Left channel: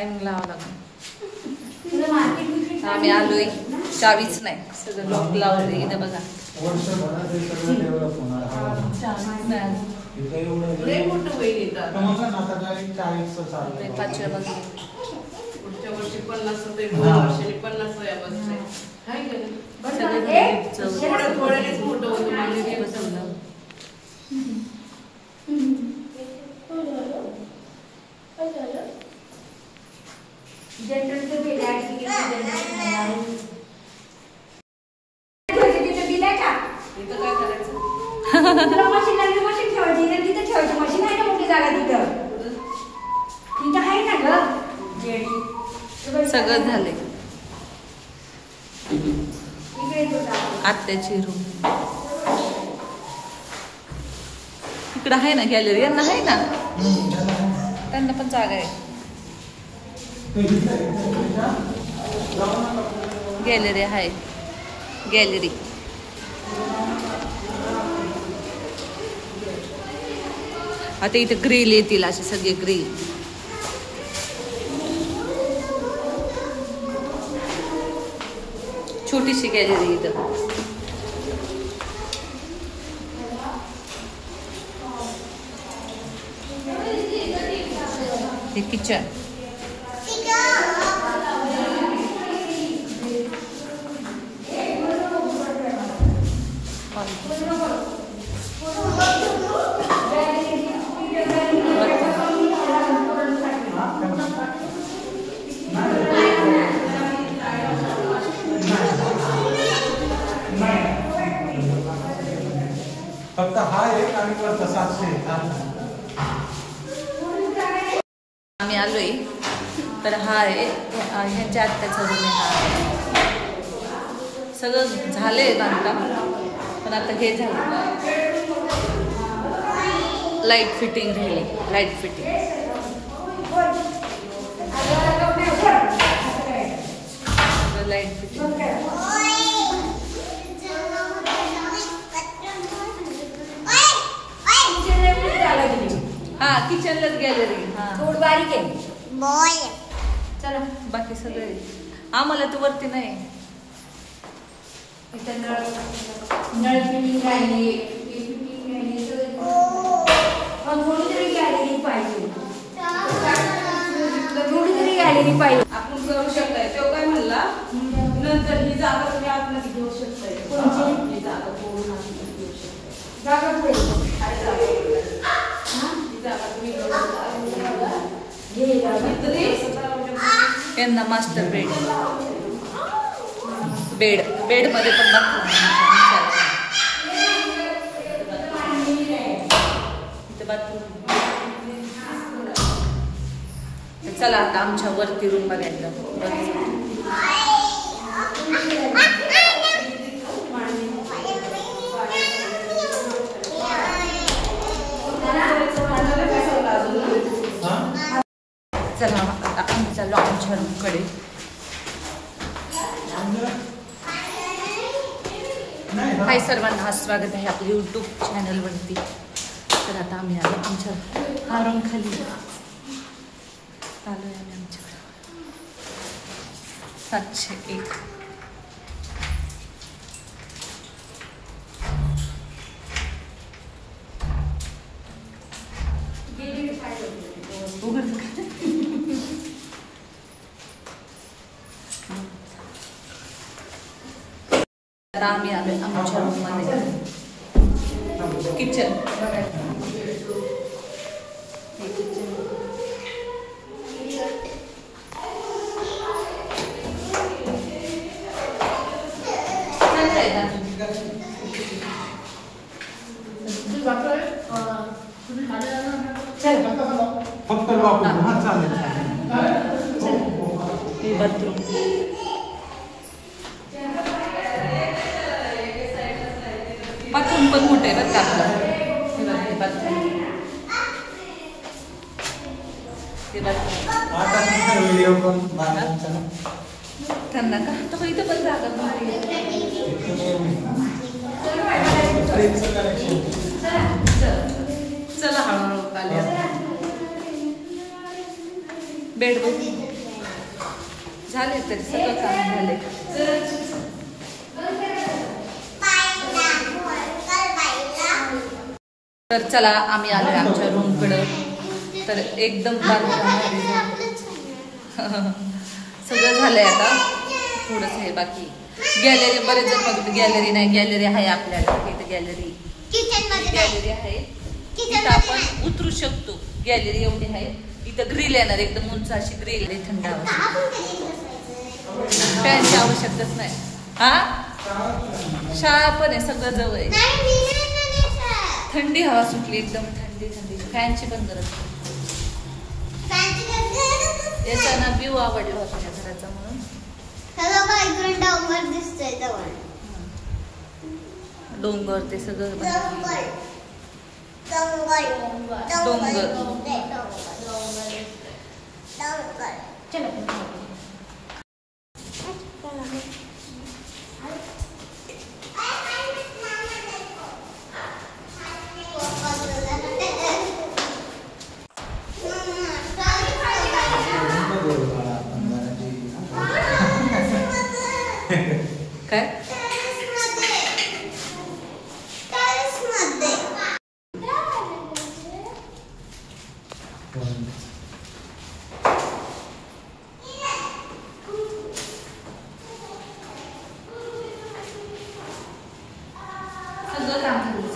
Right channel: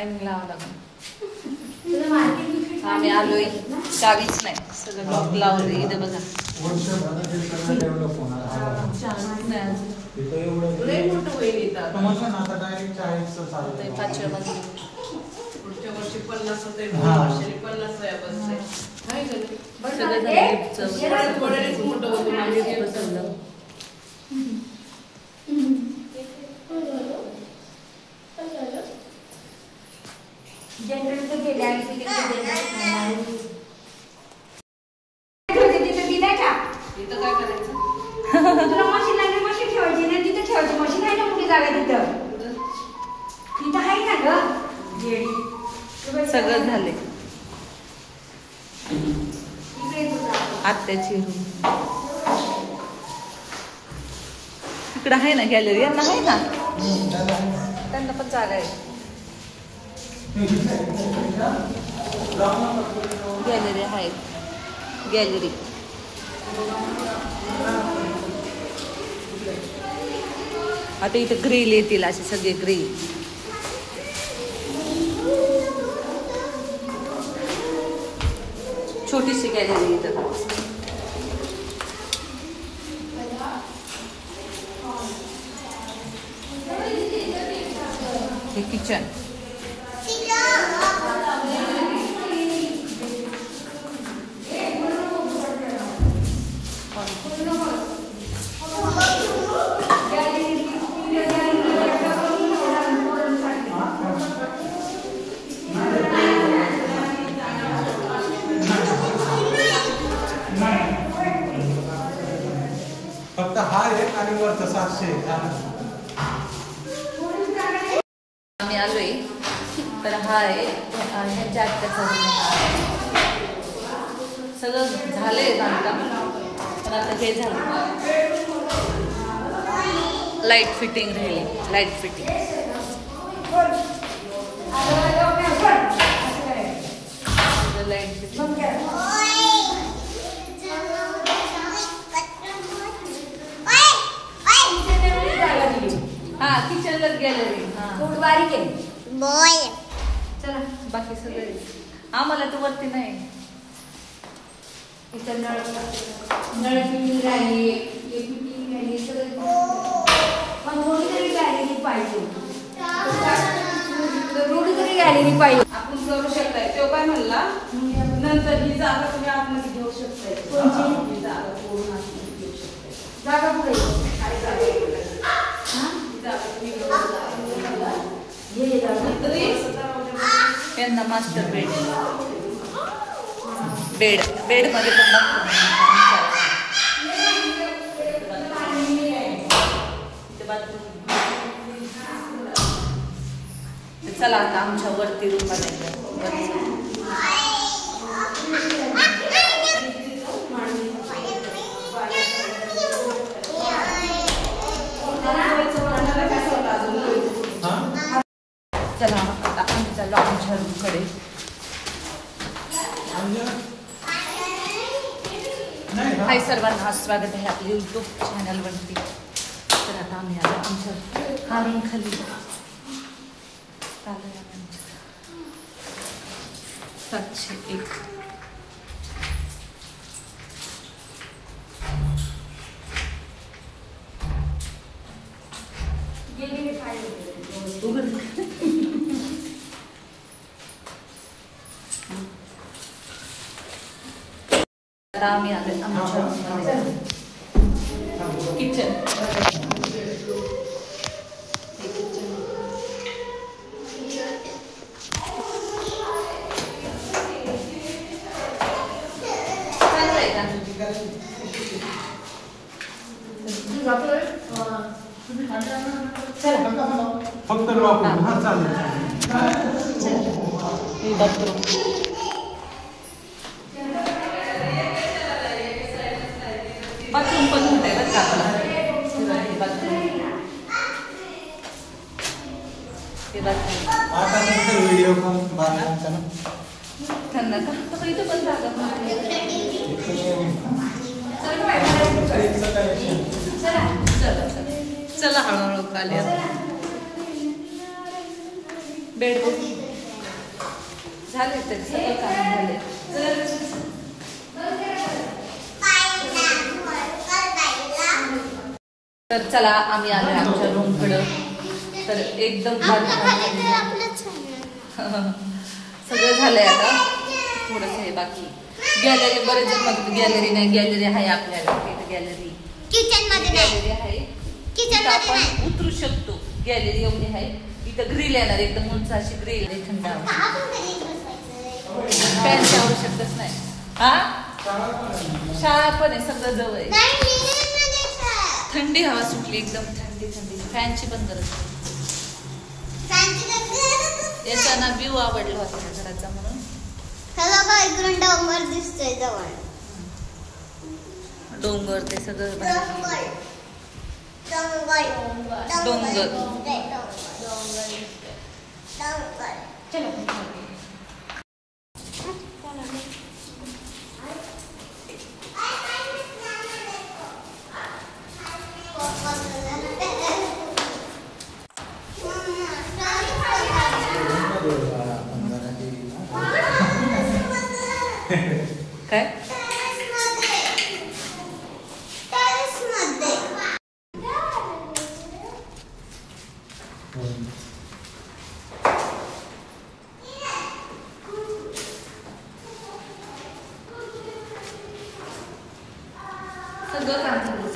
Timing लावा लागेल. आम्ही आलोय, चावीच नाही, सगळं लॉक लावले. इथं बघा चावीच नाही अजून. 5व्या बाजूला पुढच्या वर्षी 50 होते, पुढच्या वर्षी 50 बसते. सगळं थोड्यानेच मोठं होतं माझे बसवलं. जनरेटर गेल्या इथं काय करायचं? मशीन ठेवायची ना, तिथं ठेवायची. मशीन आहे ना मोठी जागा तिथं. तिथं आहे ना ग. सगळं झाले. आत्याची रूम इकडं आहे ना, गॅलरी यांना आहे ना, त्यांना पण जागा आहे. गॅलरी आहे, गॅलरी. आता इथे ग्रिल येतील, असे सगळे ग्रिल. छोटीशी गॅलरी इथं. हे किचन. फक्त हा एक आणि वरचा 700. आम्ही आलोय, तर हा आहे ह्यांच्या आत्याचा रूम आहे. सगळं झालंय बांधकाम, पण आता हे झालं, लाईट फिटिंग राहिली. Light fitting light fitting. हा किचनलाच गॅलरी. थोडी बारीक आहे बॉय. चला बाकी सगळं आम्हाला तू वरती नाही. इथं नळ फिटिंग राहिली, फिटिंग राहिली सगळं. पण थोडी तरी गॅलरी पाहिजे, थोडी तरी गॅलरी पाहिजे. आपण करू शकताय. तो काय म्हणला, नंतर ही जागा तुम्ही आतमध्ये घेऊ शकताय. ही जागा पूर्ण आतमध्ये घेऊ शकताय. जागा पुढे यांना मास्टर बेड. बेड मध्ये पण चला आता आमच्या वरती रूम बघायला. चला आता आम्ही चाललो आमच्या रूमकडे. हाय सर्वांना, स्वागत आहे आपल्या यूट्यूब चॅनलवरती. तर आता आम्ही आलो आमच्या हा रूम खाली चालू आहे. आमच्या 701. तर आम्ही आलो आमच्या रूममध्ये. किचन, हे किचन. फक्त वापरू. हा चालेल. बाथरूम पण मोठं आहे बरं का आपलं. बाथरूम ते बाथरूम व्हिडिओ पण बांधायचा ना त्यांना का तर इथं पण जागा नव्हती. चला हळूहळू आले. बेड बघ. झाले तरी सगळं काम झाले. तर चला आम्ही आलोय आमच्या रूमकडं. तर एकदम सगळं झालंय आता. थोडंच आहे बाकी. गॅलरी बरेच जण म्हणतात गॅलरी नाही. गॅलरी आहे आपल्याला. गॅलरी गॅलरी आहे. इथं आपण उतरू शकतो. गॅलरी एवढी आहे. इथं ग्रिल येणार एकदम उंच अशी ग्रिल आहे. थंड हवा. फॅनची आवश्यकताच नाही. हा शाळा पण आहे सगळं जवळ आहे. थंडी हवा सुटली एकदम थंडी थंडी. फॅनची पण गरज नाही. याचा ना व्ह्यू आवडला होता त्या घराचा म्हणून. डोंगर दिसतोय जवळ. डोंगर ते सगळं डोंगर चलो काय सगळं काम